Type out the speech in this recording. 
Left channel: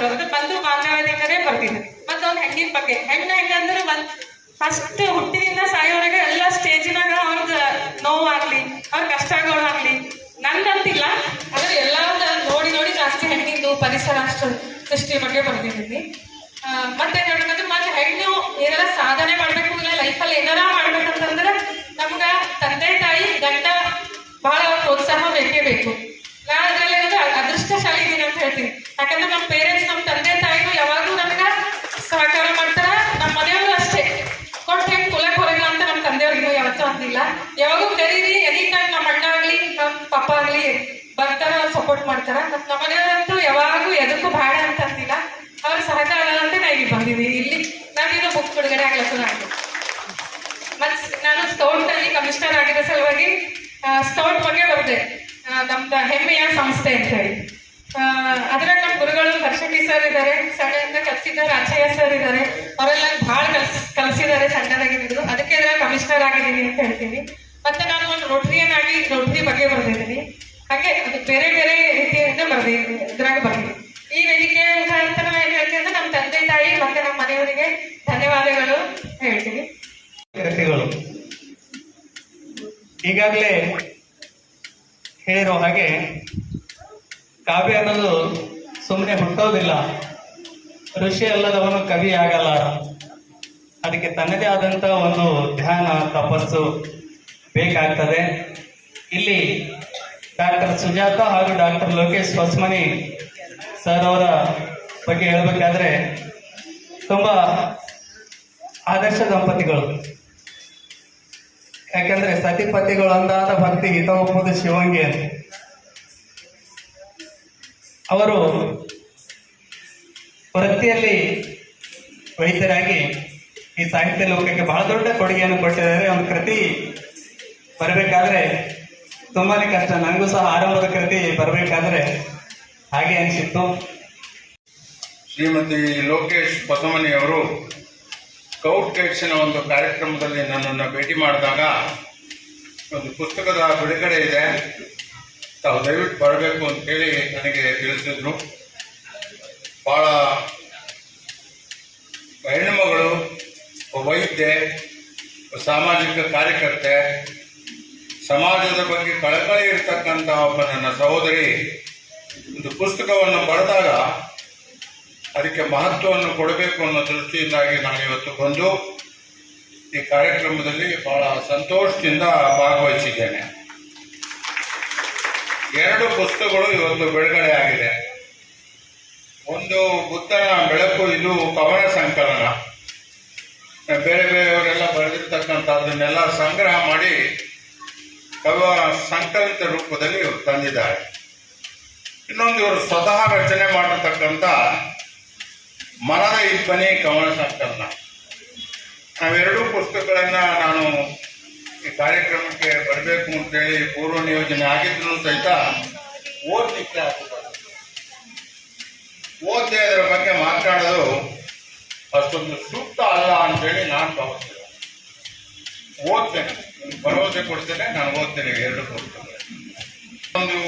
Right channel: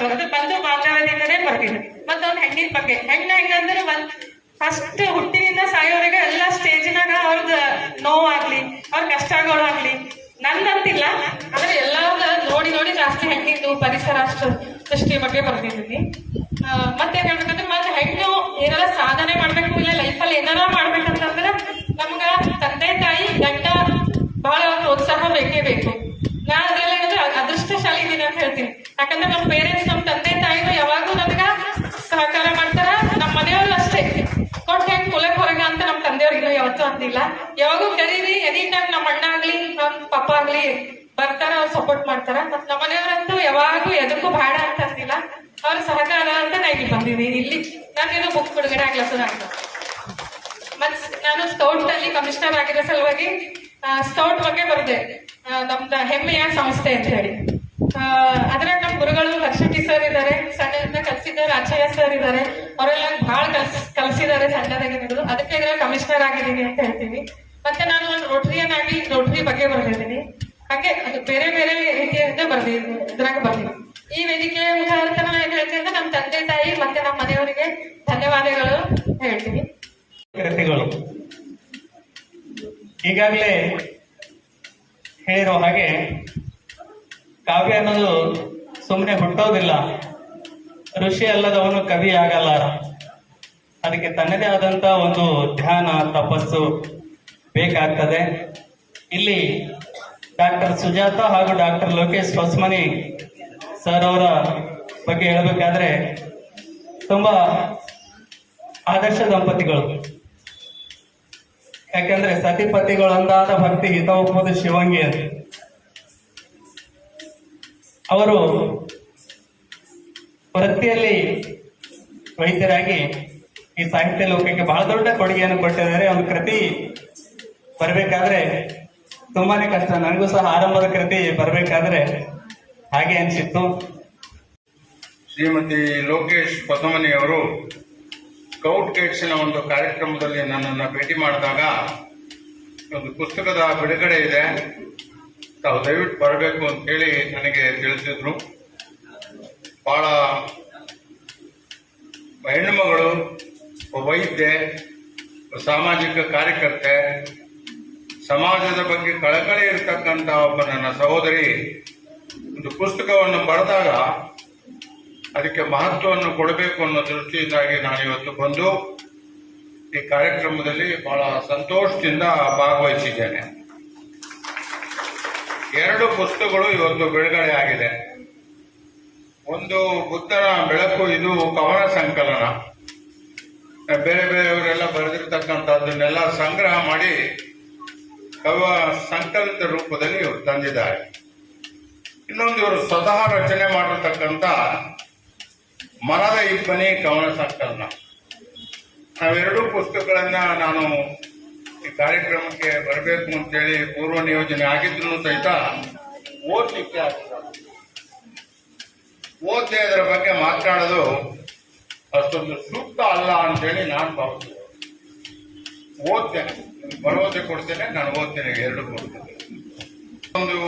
ಬರೋದು ಬಂದು ಮಾನವತೆಯಿಂದನೇ ಬರ್ತಿದ್ರು. ಮತ್ತೊಂದು ಹೆಣ್ಣಿನ ಬಗ್ಗೆ ಹೆಂಗಂದ್ರೆ ಫಸ್ಟ್ ಹುಟ್ಟಿನಿಂದ ಸಾಯೋವರೆಗೆ ಎಲ್ಲ ಸ್ಟೇಜಿನಾಗ ಅವ್ರದ್ದು ನೋವಾಗ್ಲಿ ಅವ್ರ ಕಷ್ಟಗಳು ಆಗ್ಲಿ ನಂದಂತಿಲ್ಲ, ಆದ್ರೆ ಎಲ್ಲ ನೋಡಿ ನೋಡಿ ಜಾಸ್ತಿ ಹೆಣ್ಣಿಂದು ಪರಿಸರ ಸೃಷ್ಟಿ ಬಗ್ಗೆ ಬರ್ತಿದ್ದೀನಿ. ಮತ್ತೆ ಹೇಳ್ಬೇಕಂದ್ರೆ ಮತ್ತೆ ಹೆಣ್ಣು ಏನಾರ ಸಾಧನೆ ಮಾಡ್ಬೇಕು ಇಲ್ಲ ಲೈಫಲ್ಲಿ ಏನಾರ ಮಾಡ್ಬೇಕಂತಂದ್ರೆ ನಮ್ಗ ತಂದೆ ತಾಯಿ ಗಂಡ ಬಹಳ ಪ್ರೋತ್ಸಾಹ ಬೇಕೇ ಬೇಕು. ನಾ ಅದ್ರಲ್ಲಿ ಅದೃಷ್ಟಶಾಲಿ ಇದೀನಿ ಅಂತ ಹೇಳ್ತೀನಿ. ಯಾಕಂದ್ರೆ ನಮ್ಮ ಪೇರೆಂಟ್ಸ್ ನಮ್ಮ ತಂದೆ ತಾಯಿಗಳು ಯಾವಾಗೂ ನಮ್ಗ ಸಹಕಾರ ಮಾಡ್ತಾರ. ನಮ್ಮ ಮನೆಯವರು ಅಷ್ಟೇ ಕೊಟ್ಟು ಹೆಂಗ್ ಕುಲಕ್ ಹೊರಗ ಅಂತ ನಮ್ಮ ತಂದೆಯವ್ರಿಗೆ ಯಾವತ್ತೂ ಅಂದಿಲ್ಲ. ಯಾವಾಗೂ ಕರೀರಿ ಎನಿ ಟೈಮ್ ನಮ್ಮ ಅಣ್ಣ ಆಗ್ಲಿ ನಮ್ಮ ಪಪ್ಪ ಆಗ್ಲಿ ಬರ್ತಾರ, ಅವ್ರು ಸಪೋರ್ಟ್ ಮಾಡ್ತಾರ. ಮತ್ ನಮ್ಮ ಮನೆಯವರಂತೂ ಯಾವಾಗೂ ಎದಕ್ಕೂ ಬೇಡ ಅಂತ ಅಂದಿಲ್ಲ. ಅವ್ರ ಸಹಕಾರ ಅಂತ ನಾ ಇಲ್ಲಿ ಬಂದಿದ್ದೀನಿ. ಇಲ್ಲಿ ನಾನಿನ್ನು ಬುಕ್ ಬಿಡುಗಡೆ ಆಗ್ಲತ್ತದ. ಮತ್ ನಾನು ಸ್ಕೌಟ್ ಅಲ್ಲಿ ಕಮಿಷನರ್ ಆಗಿರೋ ಸಲುವಾಗಿ ಸ್ಕೌಟ್ ಬಗ್ಗೆ ಬರ್ದೆ. ನಮ್ದು ಹೆಮ್ಮೆಯ ಸಂಸ್ಥೆ ಅಂತ ಹೇಳಿ ಅದ್ರಾಗ ನಮ್ಮ ಗುರುಗಳು ಹರ್ಷಟಿ ಸರ್ ಇದ್ದಾರೆ, ಸಣ್ಣದಿಂದ ಕಲ್ಸಿದ್ದಾರೆ. ಅಚ್ಚಯ್ಯ ಸರ್ ಇದ್ದಾರೆ, ಅವರೆಲ್ಲ ಬಹಳ ಕಲ್ಸಿದ್ದಾರೆ ಸಣ್ಣದಾಗಿ ಹಿಡಿದು. ಅದಕ್ಕೆ ಅದ್ರಾಗ ಕಮಿಷನರ್ ಆಗಿದ್ದೀನಿ ಅಂತ ಹೇಳ್ತೀನಿ. ಮತ್ತೆ ನಾನು ಒಂದು ರೋಟರಿಯನ್ ಆಗಿ ರೋಟರಿ ಬಗ್ಗೆ ಬರ್ದಿದ್ದೀನಿ. ಹಾಗೆ ಅದು ಬೇರೆ ಬೇರೆ ರೀತಿಯಿಂದ ಇದ್ರಾಗ ಬರ್ತೀನಿ. ಈ ವೇದಿಕೆ ಮುಖಾಂತರ ಏನ್ ಹೇಳ್ತೀನಿ ಅಂದ್ರೆ ನಮ್ಮ ತಂದೆ ತಾಯಿ ಮತ್ತೆ ನಮ್ಮ ಮನೆಯವರಿಗೆ ಧನ್ಯವಾದಗಳು ಹೇಳ್ತೀನಿ. ಈಗಾಗಲೇ ಹೇಳಿರೋ ಹಾಗೆ ಕಾವ್ಯ ಅನ್ನೋದು ಸುಮ್ಮನೆ ಹುಟ್ಟೋದಿಲ್ಲ. ಋಷಿ ಅಲ್ಲದವನು ಕವಿ ಆಗಲ್ಲ. ಅದಕ್ಕೆ ತನ್ನದೇ ಆದಂತ ಒಂದು ಧ್ಯಾನ ತಪಸ್ಸು ಬೇಕಾಗ್ತದೆ. ಇಲ್ಲಿ ಡಾಕ್ಟರ್ ಸುಜಾತ ಹಾಗೂ ಡಾಕ್ಟರ್ ಲೋಕೇಶ್ ಹೊಸಮನಿ ಸರ್ ಅವರ ಬಗ್ಗೆ ಹೇಳಬೇಕಾದ್ರೆ ತುಂಬಾ ಆದರ್ಶ ದಂಪತಿಗಳು. ಯಾಕಂದ್ರೆ ಸತಿಪತಿಗಳು ಅಂದಾದ ಭಕ್ತಿ ಹಿತವಪ್ಪುದು ಶಿವಂಗಿ ಅಂತ. ಅವರು ವೃತ್ತಿಯಲ್ಲಿ ವೈದ್ಯರಾಗಿ ಈ ಸಾಹಿತ್ಯ ಲೋಕಕ್ಕೆ ಬಹಳ ದೊಡ್ಡ ಕೊಡುಗೆಯನ್ನು ಕೊಟ್ಟಿದ್ದಾರೆ. ಒಂದು ಕೃತಿ ಬರಬೇಕಾದ್ರೆ ತುಂಬಾನೇ ಕಷ್ಟ. ನನಗೂ ಸಹ ಆರಂಭದ ಕೃತಿ ಬರಬೇಕಾದ್ರೆ ಹಾಗೆ ಅನಿಸಿತ್ತು. ಶ್ರೀಮತಿ ಲೋಕೇಶ್ ಹೊಸಮನಿಯವರು ಸ್ಕೌಟ್ ಗೈಡ್ಸಿನ ಒಂದು ಕಾರ್ಯಕ್ರಮದಲ್ಲಿ ನನ್ನನ್ನು ಭೇಟಿ ಮಾಡಿದಾಗ ಒಂದು ಪುಸ್ತಕದ ಬಿಡುಗಡೆ ಇದೆ, ತಾವು ದಯವಿಟ್ಟು ಬರಬೇಕು ಅಂತೇಳಿ ನನಗೆ ತಿಳಿಸಿದ್ರು. ಭಾಳ ಹೆಣ್ಣುಮಗಳು, ವೈದ್ಯೆ, ಸಾಮಾಜಿಕ ಕಾರ್ಯಕರ್ತೆ, ಸಮಾಜದ ಬಗ್ಗೆ ಕಳಕಳಿ ಇರತಕ್ಕಂಥ ಒಬ್ಬ ನನ್ನ ಸಹೋದರಿ ಒಂದು ಪುಸ್ತಕವನ್ನು ಬರೆದಾಗ ಅದಕ್ಕೆ ಮಹತ್ವವನ್ನು ಕೊಡಬೇಕು ಅನ್ನೋ ದೃಷ್ಟಿಯಿಂದಾಗಿ ನಾನಿವತ್ತು ಬಂದು ಈ ಕಾರ್ಯಕ್ರಮದಲ್ಲಿ ಬಹಳ ಸಂತೋಷದಿಂದ ಭಾಗವಹಿಸಿದ್ದೇನೆ. 2 ಪುಸ್ತಕಗಳು ಇವತ್ತು ಬಿಡುಗಡೆ ಆಗಿದೆ. ಒಂದು ಬುದ್ಧನ ಬೆಳಕು, ಇದು ಕವನ ಸಂಕಲನ. ಬೇರೆ ಬೇರೆಯವರೆಲ್ಲ ಬರೆದಿರ್ತಕ್ಕಂಥದ್ದನ್ನೆಲ್ಲ ಸಂಗ್ರಹ ಮಾಡಿ ಸಂಕಲಿತ ರೂಪದಲ್ಲಿ ಇವರು ತಂದಿದ್ದಾರೆ. ಇನ್ನೊಂದು ಇವರು ಸ್ವತಃ ರಚನೆ ಮಾಡಿರ್ತಕ್ಕಂಥ ಮನದ ಇಬ್ಬನಿ ಕವನ ಸಂಕಲನ. ನಾವೆರಡೂ ಪುಸ್ತಕಗಳನ್ನ ನಾನು ಈ ಕಾರ್ಯಕ್ರಮಕ್ಕೆ ಬರಬೇಕು ಅಂತೇಳಿ ಪೂರ್ವ ನಿಯೋಜನೆ ಆಗಿದ್ರು ಸಹಿತ ಓದಲಿಕ್ಕೆ ಆಗ್ತದೆ. ಓದ್ದೆ ಅದರ ಬಗ್ಗೆ ಮಾತನಾಡೋದು ಅಷ್ಟೊಂದು ಸೂಕ್ತ ಅಲ್ಲ ಅಂತೇಳಿ ನಾನು ಭಾವಿಸ್ತೇನೆ. ಓದ್ತೇನೆ, ಭರವಸೆ ಕೊಡ್ತೇನೆ, ನಾನು ಓದ್ತೇನೆ 2 ಪುಸ್ತಕ. ಒಂದು